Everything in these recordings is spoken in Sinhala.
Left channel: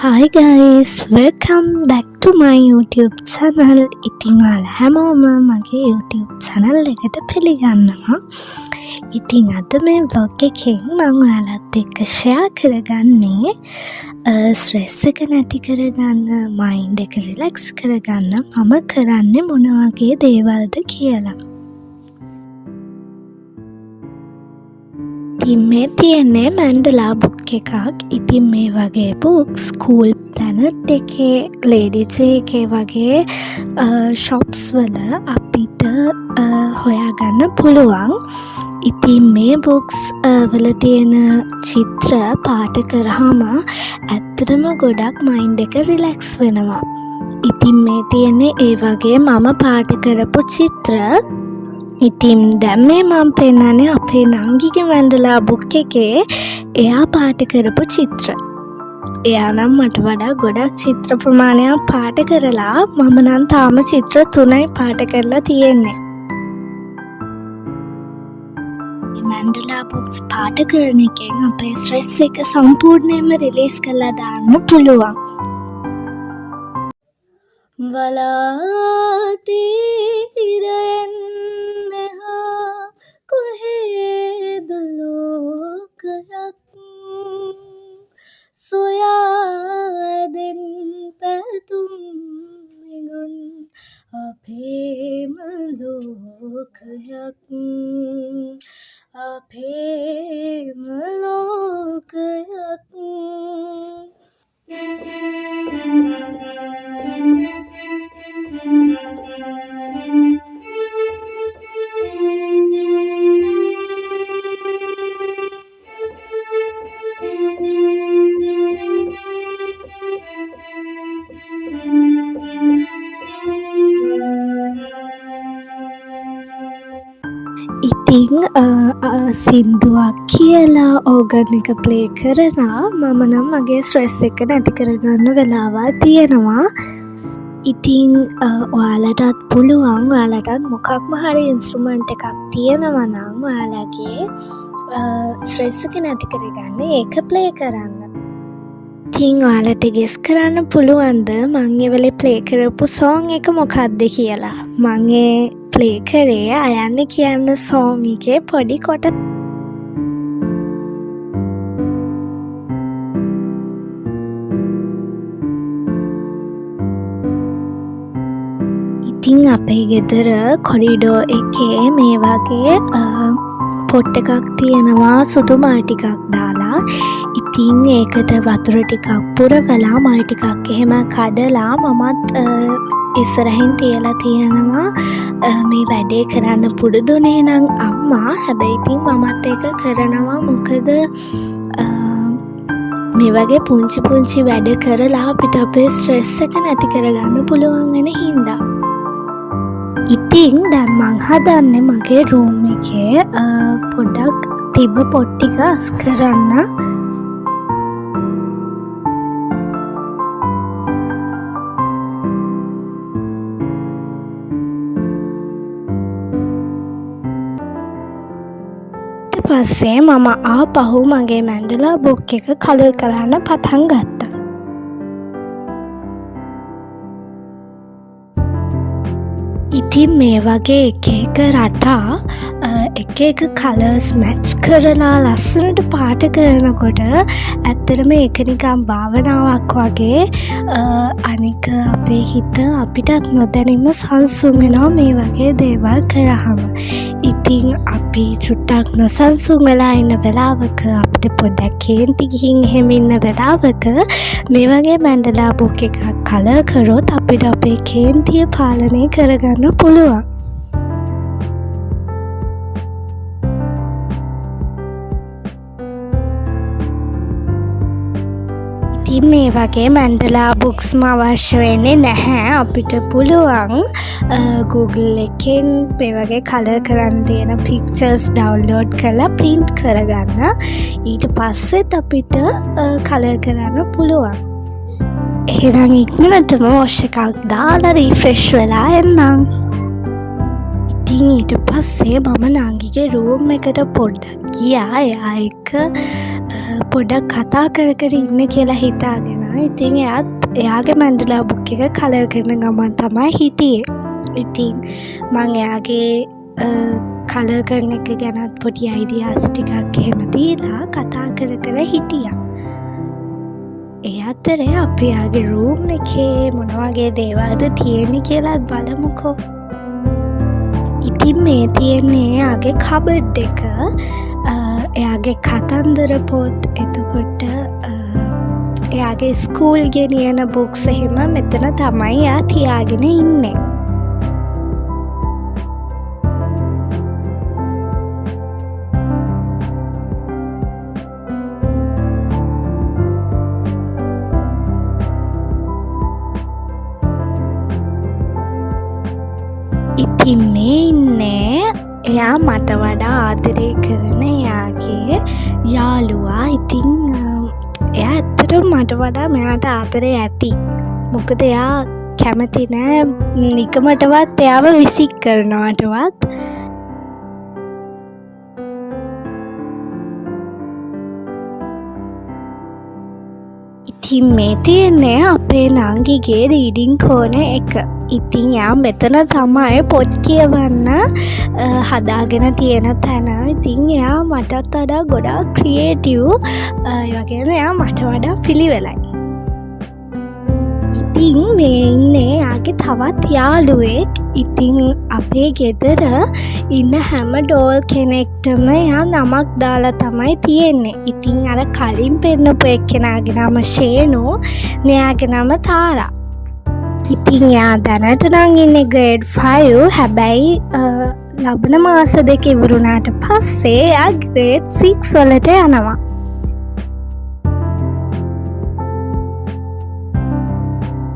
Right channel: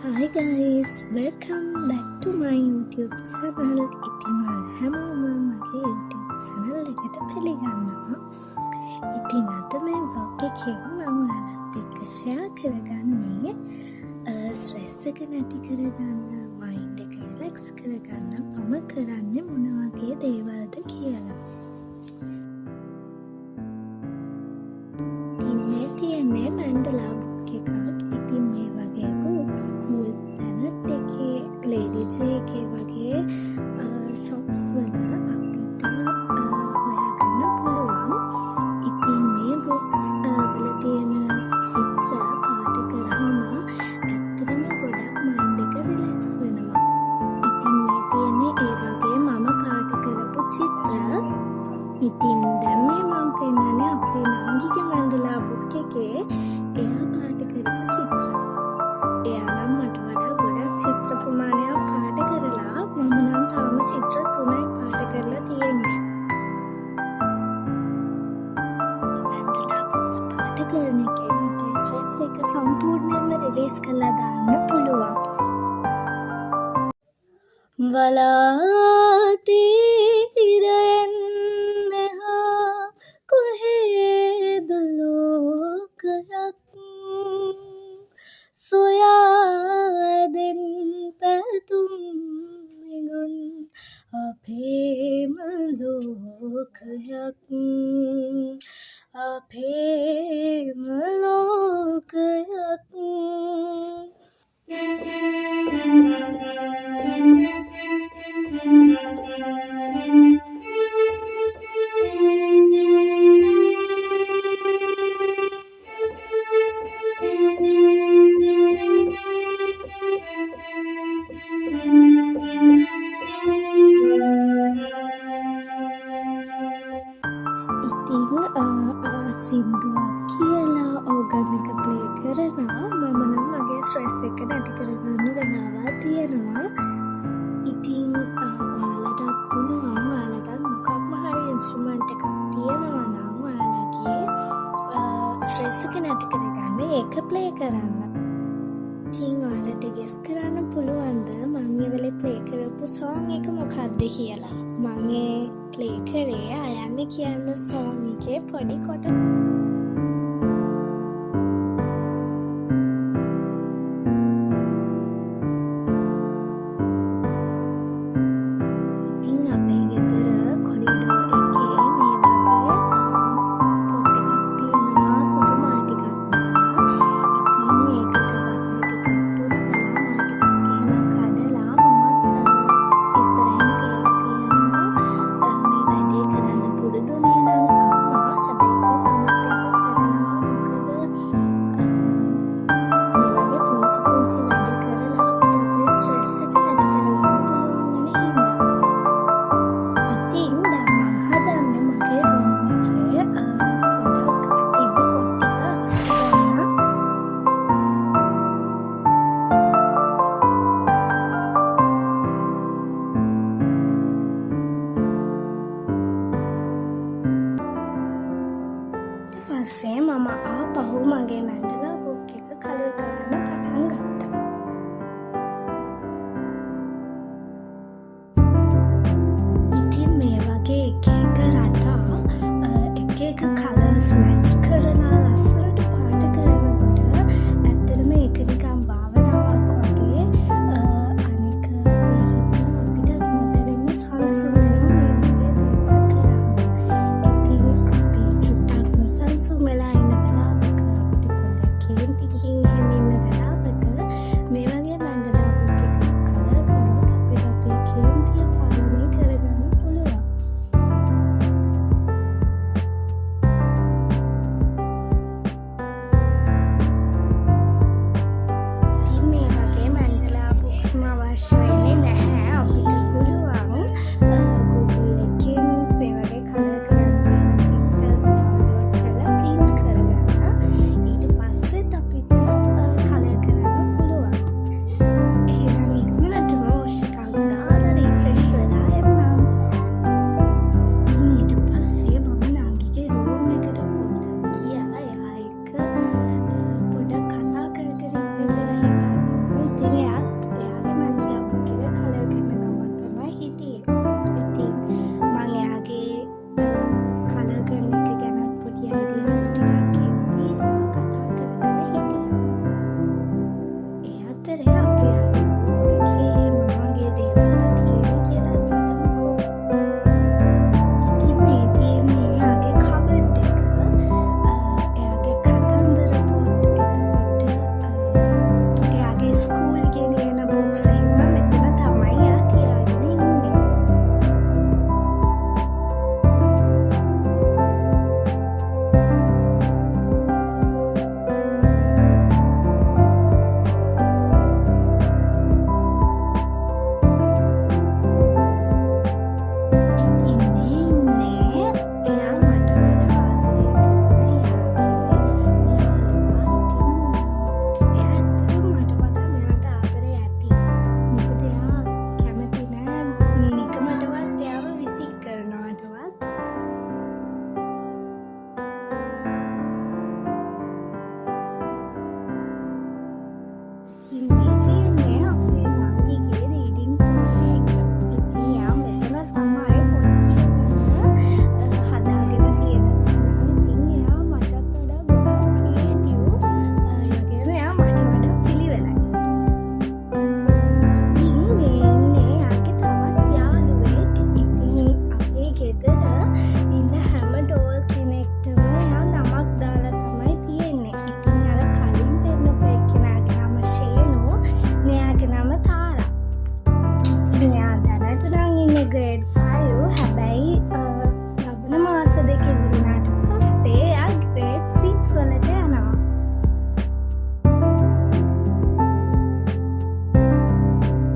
Hi guys, welcome back to my YouTube channel. ඉතින් ඔයාලා හැමෝම මගේ YouTube channel එකට පිළිගන්නවා. ඉතින් අද මේ vlog එකෙන් මම ඔයාලත් එක්ක share කරගන්නේ stress එක නැති කරගන්න, mind එක relax කරගන්න මම කරන්නේ මොන වගේ දේවල්ද කියලා. ඉතින් මේ තියෙන්නේ මැන්ඩලා බුක් එකක්. ඉතින් මේ වගේ බුක්ස් ස්කූල් ප්ලැනට් එකේ, ලේඩි ජේ එකේ වගේ ෂොප්ස් වල අපිට හොයාගන්න පුළුවන්. ඉතින් මේ බුක්ස් වල තියෙන චිත්‍ර පාට කරාම ඇත්තටම ගොඩක් මයින්ඩ් එක රිලැක්ස් වෙනවා. ඉතින් මේ තියෙන්නේ ඒ වගේ මම පාට කරපු චිත්‍ර. ඉතින් දැන් මේ මම පෙන්නන්නේ අපේ නංගිගේ මැන්ඩලා බුක් එකේ එයා පාට කරපු චිත්‍ර. එයා නම් මට වඩා ගොඩක් චිත්‍ර ප්‍රමාණයක් පාට කරලා, මම නම් තාම චිත්‍ර 3යි පාට කරලා තියෙන්නේ. මැන්ඩලා බුක්ස් පාට කරන එකෙන් අපේ ස්ට්‍රෙස් එක සම්පූර්ණයෙන්ම රිලීස් කරලා දාන්න පුළුවන්. වලාතිරෙන් කොහෙද ලෝකයක් සොයාදෙන් පැතුම් මෙගුන් අපේම ලෝකයක් අපේම ලෝකයක්. ඉතින් සින්දුවක් කියලා ඕගන් එක ප්ලේ කරලා මම නම් මගේ ස්ට්‍රෙස් එක නැති කරගන්න වෙලාවල් තියෙනවා. ඉතින් ඔයාලටත් පුළුවන්, ඔයාලටත් මොකක්ම හරි ඉන්ස්ට්‍රුමන්ට් එකක් තියෙනවා නම් ඔයාලගේ ස්ට්‍රෙස් එක නැති කරගන්න ඒක ප්ලේ කරන්න. ඉතින් ඔයාලට ගෙස් කරන්න පුළුවන්ද මං ඒ වෙලේ ප්ලේ කරපු සෝං එක මොකක්ද කියලා? මං ඒ ප්ලේ කරේ අයන්න කියන්න සෝං එකේ පොඩි කොට. ඉතින් අපේ ගෙදර කොරිඩෝ එකේ මේ වගේ පොට් එකක් තියෙනවා සුදු මල් ටිකක් දාලා. ඉතින් ඒකට වතුර ටිකක් පුරවලා මල් ටිකක් එහෙම කඩලා මමත් ඉස්සරහින් තියලා තියෙනවා. මේ වැඩේ කරන්න පුරුදුනේ නම් අම්මා. හැබැයි ඉතින් මමත් ඒක කරනවා. මොකද මේ වගේ පුංචි පුංචි වැඩ කරලා අපිට අපේ ස්ට්‍රෙස් එක නැති කරගන්න පුළුවන් වෙන හින්දා. ඉතින් දැන් මං හදන්නේ මගේ රූම් එකේ පොඩක් තිබ්බ පොට් ටික අස් කරන්න. පස්සේ මම ආපහු මගේ මැන්ඩලා බුක් එක කලර් කරන්න පටන් ගත්තා. ඉතින් මේ වගේ එක රටා එක කලර්ස් මැච් කරලා ලස්සනට පාට කරනකොට ඇත්තටම ඒක නිකන් භාවනාවක් වගේ. අනික අපේ හිත අපිටත් නොදැනීම සංසුන් වෙනවා මේ වගේ දේවල් කරාම. ඉතින් අපි චුට්ටක් නොසන්සුන් වෙලා ඉන්න වෙලාවක, අපිට පොඩ්ඩක් කේන්ති ගිහින් එහෙම ඉන්න වෙලාවක මේ වගේ මැන්ඩලා බුක් එකක් කලර් කරොත් අපිට අපේ කේන්තිය පාලනය කරගන්න පුළුවන්. ඉතින් මේ වගේ මැන්ඩලා බුක්ස්ම අවශ්‍ය වෙන්නේ නැහැ. අපිට පුළුවන් Google එකෙන් මේ වගේ කලර් කරන්න තියෙන පික්චර්ස් ඩවුන්ලෝඩ් කරලා ප්‍රින්ට් කරගන්න. ඊට පස්සෙත් අපිට කලර් කරන්න පුළුවන්. එහෙනම් ඉක්මනටම වොෂ් එකක් දාලා රීෆ්‍රෙෂ් වෙලා එන්නම්. ඉතින් ඊට පස්සේ මම නංගිගේ රූම් එකට පොඩ්ඩක් ගියා. එයා එක්ක පොඩක් කතා කර කර ඉන්න කියලා හිතාගෙන. ඉතින් එයාගේ මැන්ඩලා බුක් එක කලර් කරන ගමන් තමයි හිටියේ. ඉතින් මං එයාගේ කලර් කරන එක ගැනත් පොඩි අයිඩියාස් ටිකක් එහෙම දීලා කතා කර කර හිටියා. ඒ අතරේ අපි එයාගේ රූම් එකේ මොන වගේ දේවල්ද තියෙන්නේ කියලාත් බලමුකෝ. ඉතින් මේ තියෙන්නේ එයාගේ කබඩ් එක, එයාගේ කතන්දර පොත්, එතකොට එයාගේ ස්කූල් ගෙනියන බුක්ස් එහෙම මෙතන තමයි එයා තියාගෙන ඉන්නේ. ඉතින් මේ ඉන්නේ එයා මට වඩා ආදරය කරන එයාගේ යාළුවා. ඉතින් එයා ඇත්තටම මට වඩා මෙයාට ආදරේ ඇති. මොකද එයා කැමති නෑ නිකමටවත් එයාව විසික් කරනවටවත්. ඉතින් මේ තියෙන්නේ අපේ නංගිගේ රීඩිං කෝන එක. ඉතින් එයා මෙතන තමයි පොත් කියවන්න හදාගෙන තියෙන තැන. ඉතින් එයා මටත් වඩා ගොඩාක් ක්‍රියේටිව්, ඒ වගේම එයා මට වඩා පිළිවෙලයි. ඉතින් මේ ඉන්නේ එයාගේ තවත් යාළුවෙක්. ඉතින් අපේ ගෙදර ඉන්න හැම ඩෝල් කෙනෙක්ටම එයා නමක් දාලා තමයි තියෙන්නේ. ඉතින් අර කලින් පෙන්නපු එක්කෙනාගේ නම ෂේනෝ, මෙයාගේ නම තාරා. ඉතින් එයා දැනට නම් ඉන්නේ ග්‍රේඩ් 5. හැබැයි ලබන මාස දෙක ඉවරුණාට පස්සේ එයා ග්‍රේඩ් 6 වලට යනවා.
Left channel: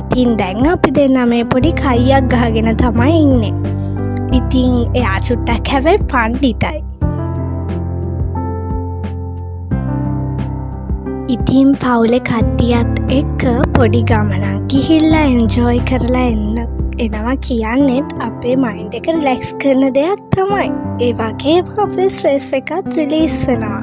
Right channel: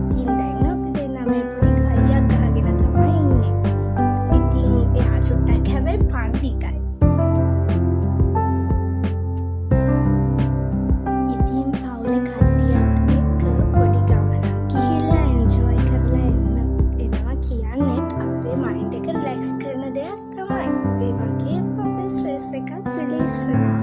ඉතින් දැන් අපි දෙන්න මේ පොඩි කයියක් ගහගෙන තමයි ඉන්නේ. ඉතින් එයා චුට්ටක් හැබැයි පණ්ඩිතයි. ඉතින් පවුලේ කට්ටියත් එක්ක පොඩි ගමනක් ගිහිල්ලා එන්ජොයි කරලා එනවා කියන්නෙත් අපේ මයින්ඩ් එක රිලැක්ස් කරන දෙයක් තමයි. ඒ වගේම අපේ ස්ට්‍රෙස් එකත් රිලීස් වෙනවා.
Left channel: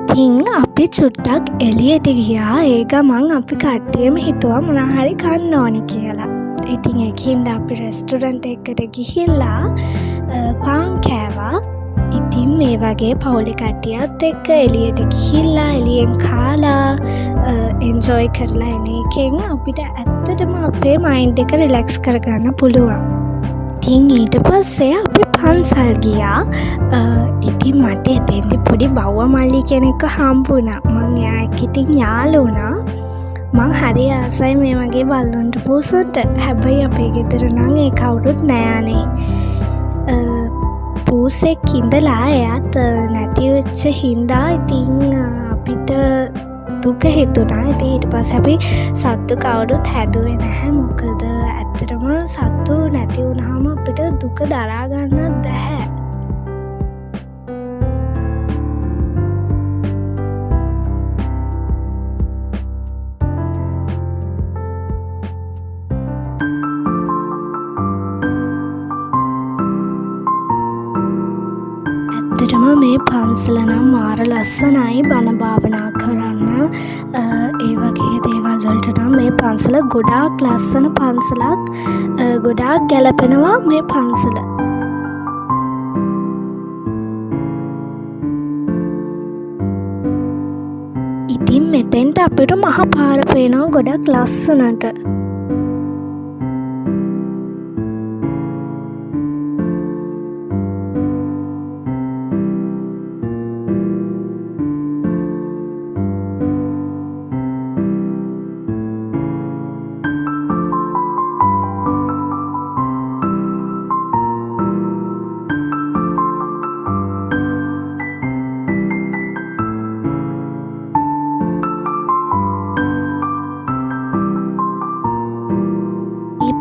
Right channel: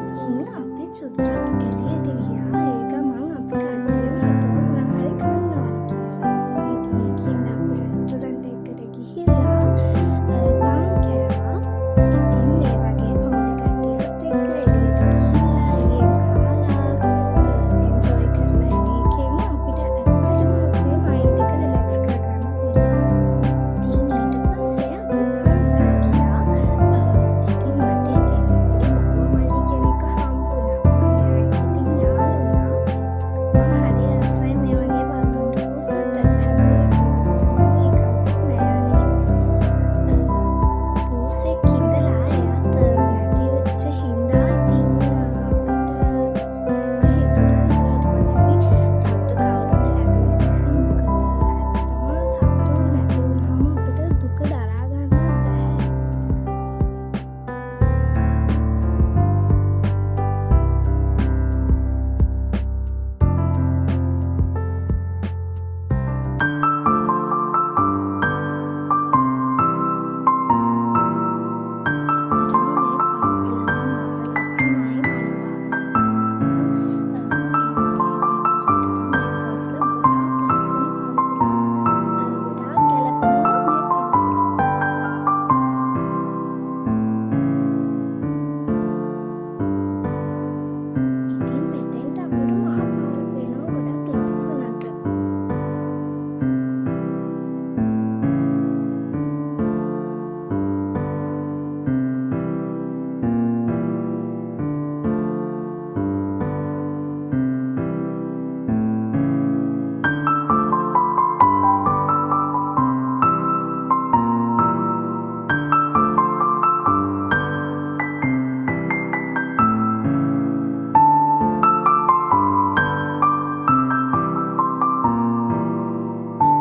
ඉතින් අපි චුට්ටක් එළියට ගියා. ඒ ගමන් අපි කට්ටියම හිතුවා මොනවා හරි කන්න ඕනි කියලා. ඉතින් ඒකින්ද අපි රෙස්ටොරන්ට් එකකට ගිහිල්ලා පාන් කෑවා. ඉතින් මේ වගේ පවුලේ කට්ටියත් එක්ක එළියට ගිහිල්ලා එළියෙන් කාලා එන්ජොයි කරලා එන එකෙන් අපිට ඇත්තටම අපේ මයින්ඩ් එක රිලැක්ස් කරගන්න පුළුවන්. ඉතින් ඊට පස්සේ අපි පන්සල් ගියා. ඉතින් මට එතෙන්දි පොඩි බව්ව මල්ලි කෙනෙක්ව හම්බුණා. මං එයා එක්ක ඉතින් යාළු වුණා. මං හරි ආසයි මේ වගේ බල්ලොන්ට පූසුන්ට. හැබැයි අපේ ගෙදර නම් ඒ කවුරුත් නෑනේ. පූසෙක් ඉඳලා එයාත් නැති වෙච්ච හින්දා ඉතින් අපිට දුක හිතුණා. ඉතින් ඊට පස්සේ අපි සත්තු කවුරුත් හැදුවේ නැහැ. මොකද ඇත්තටම සත්තු නැති වුණාම අපිට දුක දරා ගන්න බැහැ. ඇත්තටම මේ පන්සල නම් මාර ලස්සනයි බණ භාවනා කරන්න. ඒ වගේ දේවල් වලට නම් මේ පන්සල ගොඩාක් ලස්සන පන්සලක්. ගොඩාක් ගැලපෙනවා මේ පන්සල. ඉතින් මෙතෙන්ට අපිට මහ පාර පේනවා ගොඩක් ලස්සනට.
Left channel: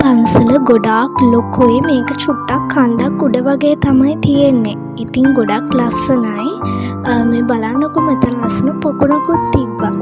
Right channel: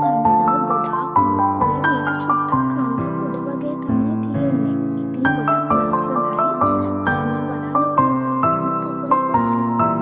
පන්සල ගොඩාක් ලොකුයි. මේක චුට්ටක් කන්දක් උඩ වගේ තමයි තියෙන්නේ. ඉතින් ගොඩක් ලස්සනයි. මේ බලන්නකො මෙතන ලස්සන පොකුණකුත් තිබ්බා.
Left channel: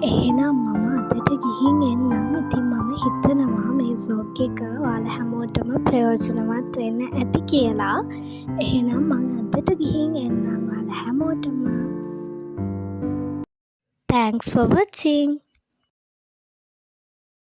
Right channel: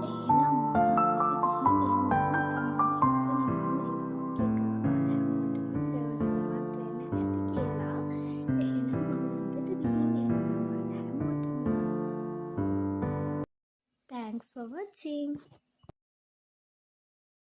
එහෙනම් මම අදට ගිහින් එන්නම්. ඉතින් මම හිතනවා මේ ව්ලොග් එක ඔයාලා හැමෝටම ප්‍රයෝජනවත් වෙන්න ඇති කියලා. එහෙනම් මම අදට ගිහින් එන්නම් ඔයාලා හැමෝටම. Thanks for watching.